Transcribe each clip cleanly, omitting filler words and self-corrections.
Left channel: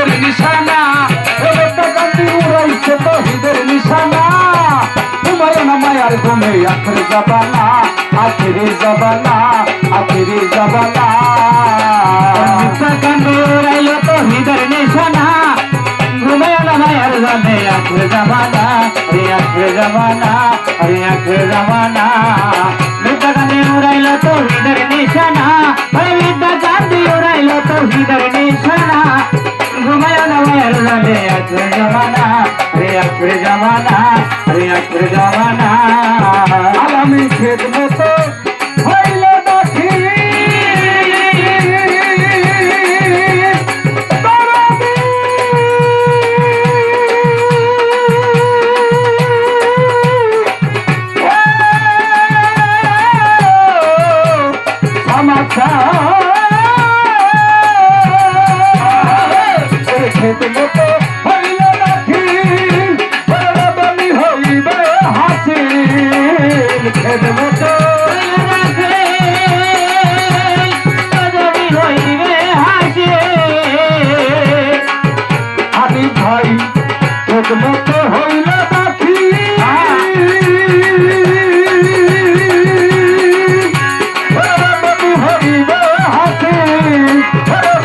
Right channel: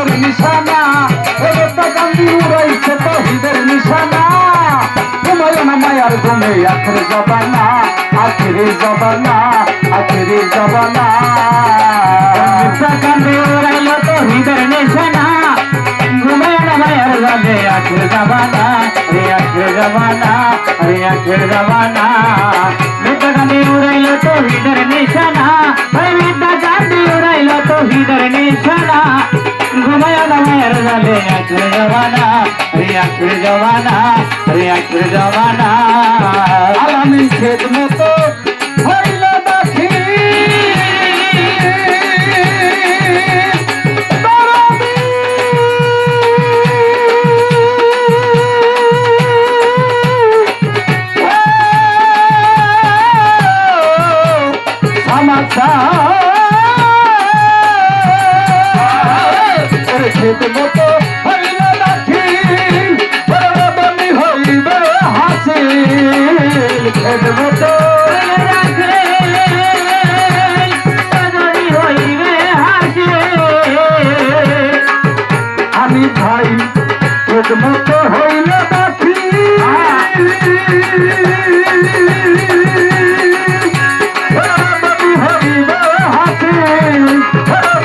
তহিদের নিশানা বেটা কান্দি উড়াইছে তহিদের নিশানা হুমায়ুন মায়ার ঘুমে আখের জবানা আখেরি জবানা আখেরি জবানা বেটা কান্দি উড়াইলো তহিদের নিশানা হুমায়ুন মায়ার ঘুমে আখের জবানা রে আখের জবানা রে আখের জবানা বেটা কান্দি উড়াইলো তহিদের নিশানা বেটা কান্দি উড়াইলো তহিদের নিশানা হুমায়ুন মায়ার ঘুমে আখের জবানা রে আখের জবানা রে আখের জবানা আলামিন খেত মতো হইল দাখি খেত মতো হইল দাখি বলি হইবে হাসিল খেত মতো আমি ভাই খেত মতো হইল দাখি হইবে হাসিল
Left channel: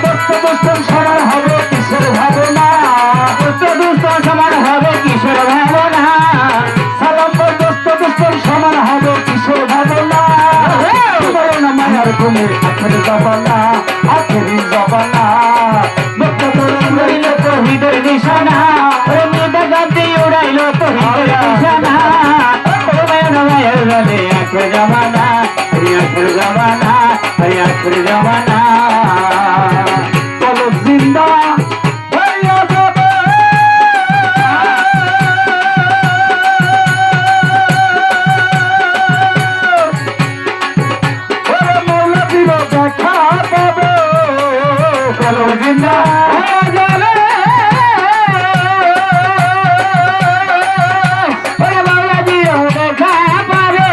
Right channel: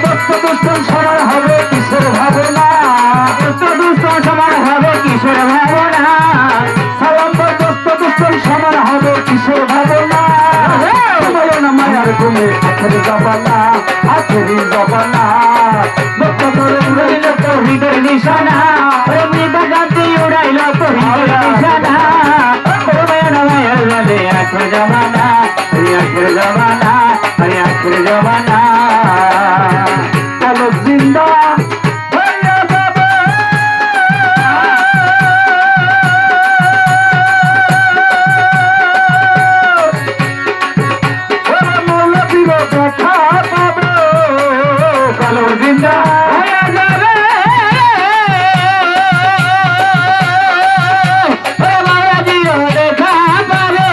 দোস্ত দোস্ত সবার হবে কিসের ভাবনা দোস্ত দোস্ত সবার হবে কিসের ভাবনা সালাম ভাই দোস্ত দোস্ত সবার হবে কিসের ভাবনা হুমায়ুন মায়ার ঘুমে আখেরি জবানা আখেরি জবানা মুক্ত করে উড়াইল তহিদের নিশানা বেটা কান্দি উড়াইল তহিদের নিশানা হুমায়ুন মায়ার ঘুমে আখের জবানা আখের জবানা আখের জবানা চলো জিন্দা হইয়া যাবে ওরে মৌলবীর দেখা পাবে চলো জিন্দা হইয়া যাবে ওরে মৌলবীর দেখা পাবে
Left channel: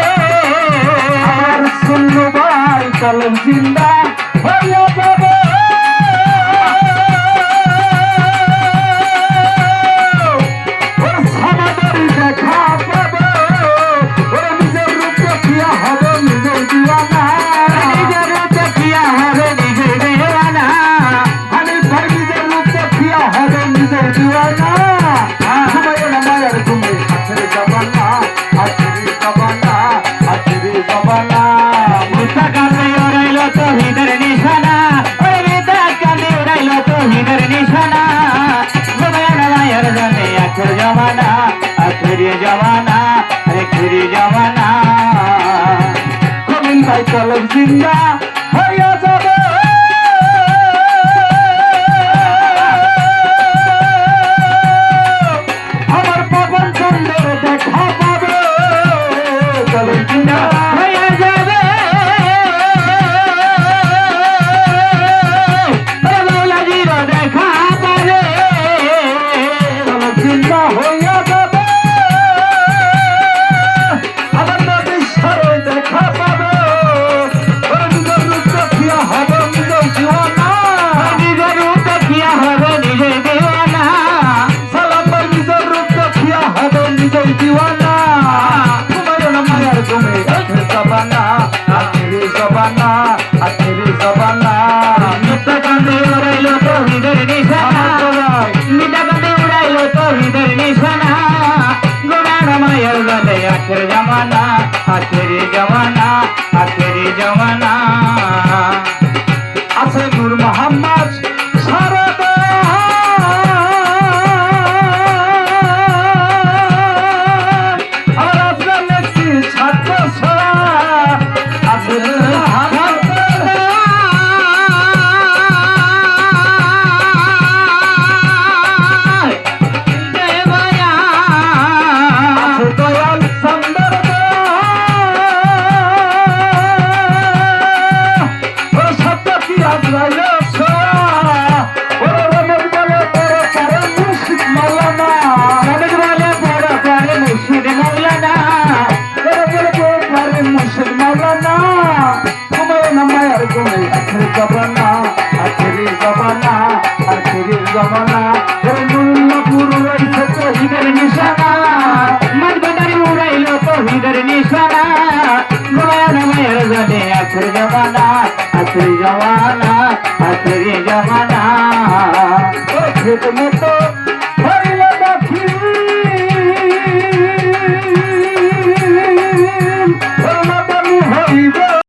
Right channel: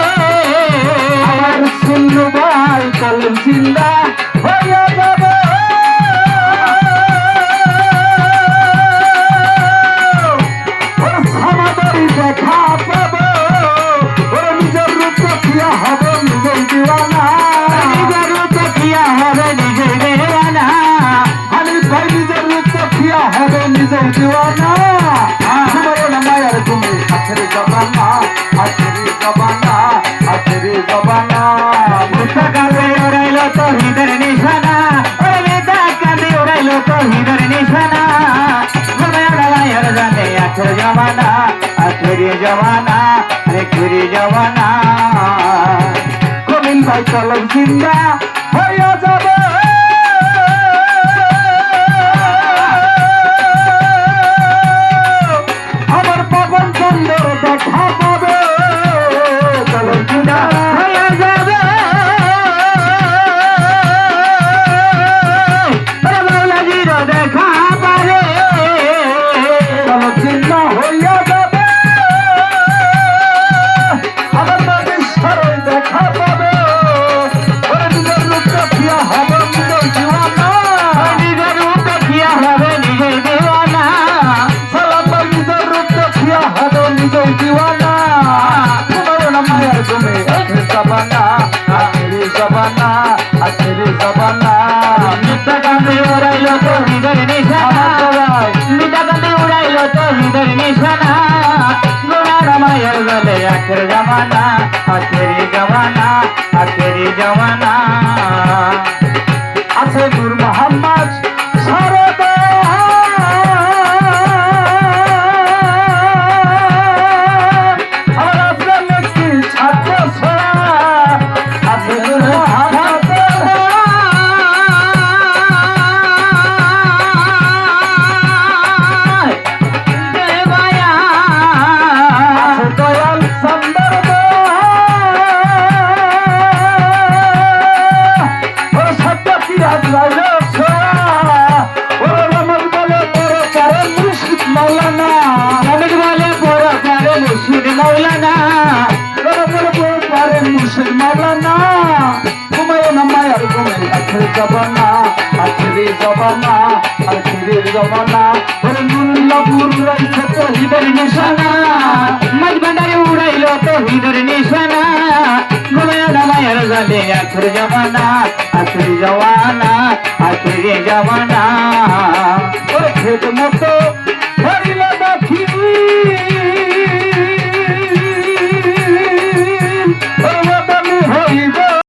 আর শূন্য ভাই চলো জিন্দা হইয়া যাবে সমাদরি দেখা পাবে নিজের রূপ দেখিয়া হবে নিজের দিওয়ানা নিজের রূপ দেখিয়া হবে নিজের দিওয়ানা আমি ভাই নিজের রূপ দেখিয়া হবে নিজের দিওয়ানা হুমায়ুন মায়ার ঘুমে আখেরি জবানা আখেরি জবানা আখেরি জবানা বেটা কান্দি উড়াইল তহিদের নিশানা বেটা কান্দি উড়াইল তহিদের নিশানা হুমায়ুন মায়ার ঘুমে আখের জবানা আখেরি জবানা আখেরি জবানা কবিন ভাই চলো জিন্দা হইয়া যাবে আমার পাবন চন্দ্রের দেখা পাবে চলো জিন্দা হইয়া যাবে মৌলাজির দেখা পাবে চলো জিন্দা হইয়া যাবে আমার নবীর সাথে দেখা পাবে নিজের আখিরের জমানা ওরে মুল্লাপুর রইছে তহিদের নিশানা মাঝ ভান্ডারে উড়াইল তৌহিদের নিশানা মায়ের জানে আখির জমানা আখির জমানা আখির জমানা ওরে খেত মতো ধরিল দক্ষিণ